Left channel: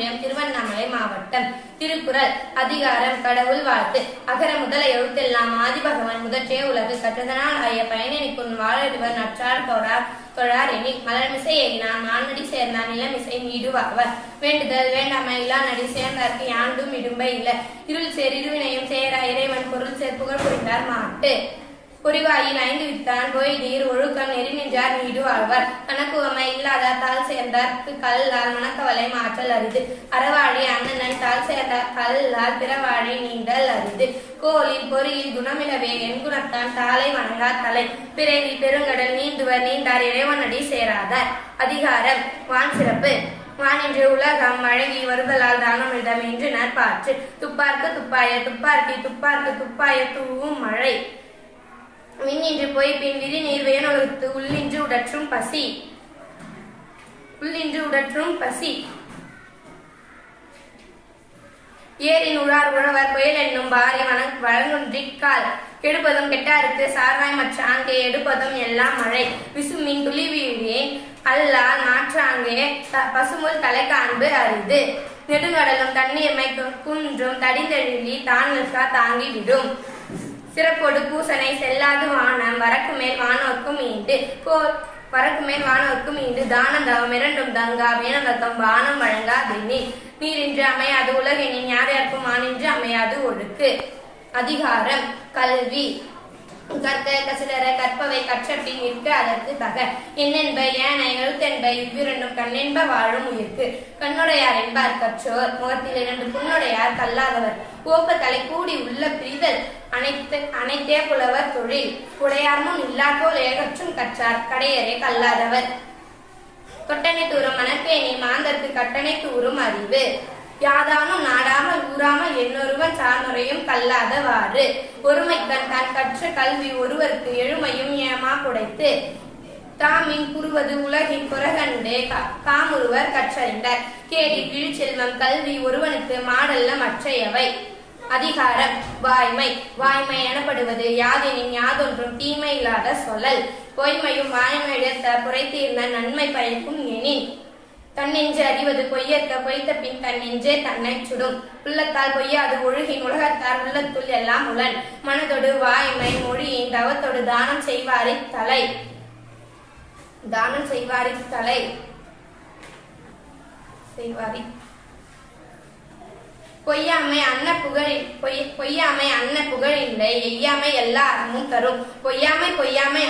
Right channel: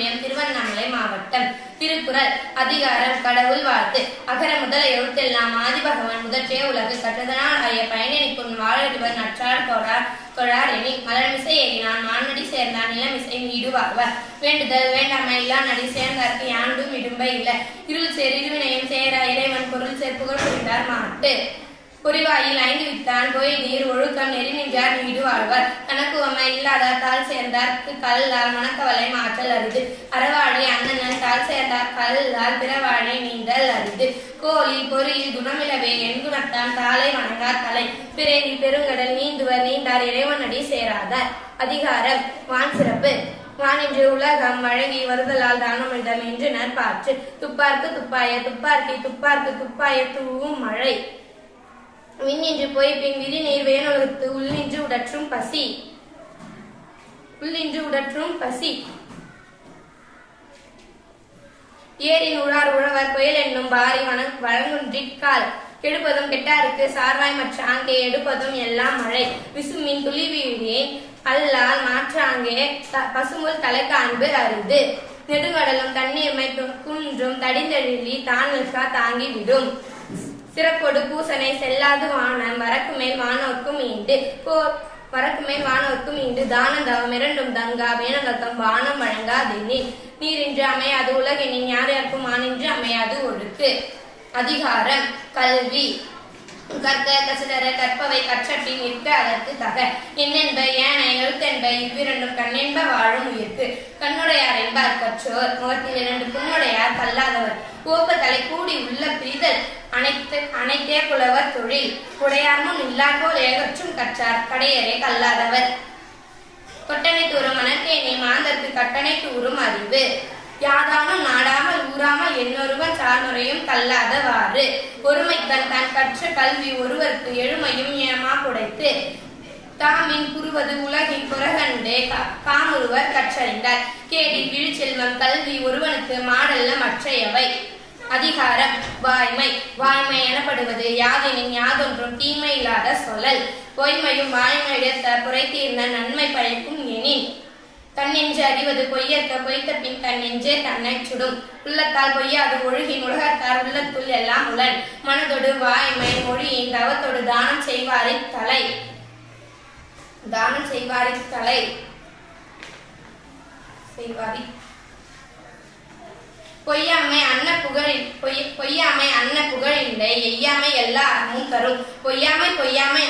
ஒன்றியம், திருவண்ணாமலை மாவட்டம். திருக்குறள். அதிகாரம் கடவுள் வாழ்த்து. அகர முதல எழுத்தெல்லாம் ஆதிபகவன் முதற்றே உலகு கற்றதனால் ஆய பயனிக்கும் வாழறிவர் நற்றார் தொழார் எனி மலர்மிசை ஏகினான் மான்மடி சேர்ந்தான் நிலமிசை மீடு வாழ்வர். வேண்டுதல் வேண்டாமை இல்லா நடி சேர்ந்தார்க்கு யாண்டும் இடும்பை இல்ல. இருள் சேர் இருவினையும் சேர இறைவன் பொருள் சேர் புகழ் புரிந்தார் மாட்டு. பொறிவாயில் 5 வித்தான் போய் நீர் ஒழுக்கம் நெறி நின்றார் நீடு வாழ்வார். கணக்குவமை இல்லாதார் தாள் சேர்ந்தார்க்கு கல்லால் மணக்கவலை மாற்றல் அரிது. அறவாழி அண்ணன் தாள் சேர்ந்தார் கல்லால் பிறவாழி நீண்டல் அரிது. கோலில் பொறியில் குணமிலவே என் குணத்தான் தாளை வணங்கார் தலை. பிறேந்தி பெருங்கடல் நீந்துவர் நீண்டார் இறைவனடி சேராதார். அதிகாரம் வான் சிறப்பு. வானின்று உலகம் வழங்கி வருதலால் தானமிழ்தம் என்று நற்பாற்று. துப்பார்க்கு துப்பாய துப்பார்க்கி துப்பார்க்கு துப்பாய தூவும் மழை. விண்ணின்று போய் பின் விரிநீர் வேணுலகத்து உள்ளின்று உடற்றும் பசி. ஏரின் உழார் உழவர் புயல் என்னும் பாரி வழங்குன்றிக்கால். கெடுப்பதும் கெட்டாருக்கு சார்வாய் மற்ற ஆங்கே எடுப்பதும் எல்லாம் மழை. விசுமின் துளி வீழேன் அல்லால் மாற்றாங்கே பசுமுல் தலை காண்பு அரிது. நெடுங்கடலும் தண்ணீர்மை குன்றும் தடிந்தெழிலி தானல்கா தாங்கி விடும். சிறப்பொடு பூசனை செல்லாது வானம் வரக்கு மேல் வானோர்க்கும் ஈண்டு தானம் தவம் இரண்டும் தங்கா வேணதத்தம் வானம் வழங்காதெனி. நீரின்று அமையாது உலகெனின் யார் யாருக்கும் ஆனின்று அமையாது ஒழுக்கு. அதிகாரம் கல்வி. கற்க கசிடர கற்பவை கற்றபின் நிற்க அதற்கு தக. என்னென்ப ஏன எழுத்தென்ப இவ்விரண்டும் கண்ணென்ப வாழும் உயிர்க்கு. கண்ணுடையார் என்பார் கற்றோர் முகத்தில் 2 புண்ணுடையார் கல்லாதவர். போக்க தலை கூடி உள்ள பிரிதல் அனைத்தே புலவர் தொழில். உடையார்முன் இல்லாதோர் ஏகற்றும் கற்றார் கடையரே கல்லாதவர். கொட்டனை தூரம் மணற்கேணி மாந்தர்க்கு கட்டணை தூரும் அறிவு. யாதானும் நாடாமல் ஊறாமல் என்னொருவன் சார்நுரையும் கல்லாதவாறு. ஒருமைக்கண் தான் கற்ற கல்வி ஒருவருக்கு எழுமையும் ஏமா குடைத்து. தாமின் புரிவது உலகின் புறகண்டே காமுருவர் கற்றறிந்தார். கேடி கிழிச்செல்வம் கல்வி ஒருவனுக்கு மாடல்ல மற்றையவை. அதிகாரம் வாய்மை. வாய்மை எனப்படுவது யாதெனின் யாதொன்றும் தீமை இல்லாத சொல்லல். பொய்மையும் வாய்மையிடத்த புரைத்தீர்ந்த நன்மை பயக்கும் எனின். தன்னென்று அறிவது பொய்யற்க பொய்த்த பின் தன்னென்றே தன்னை சுடும். உள்ளத்தால் பொய்யாது ஒழுகின் உலகத்தார் உள்ளத்துள் எல்லாம் உளன். மனதொடு வாய்மை மொழியின் தவத்தொடு தானம் செய்வாரின் தலை. பொய்யாமை அன்ன புகழில்லை எய்யாமை எல்லா அறமும் தரும். பொய்யாமை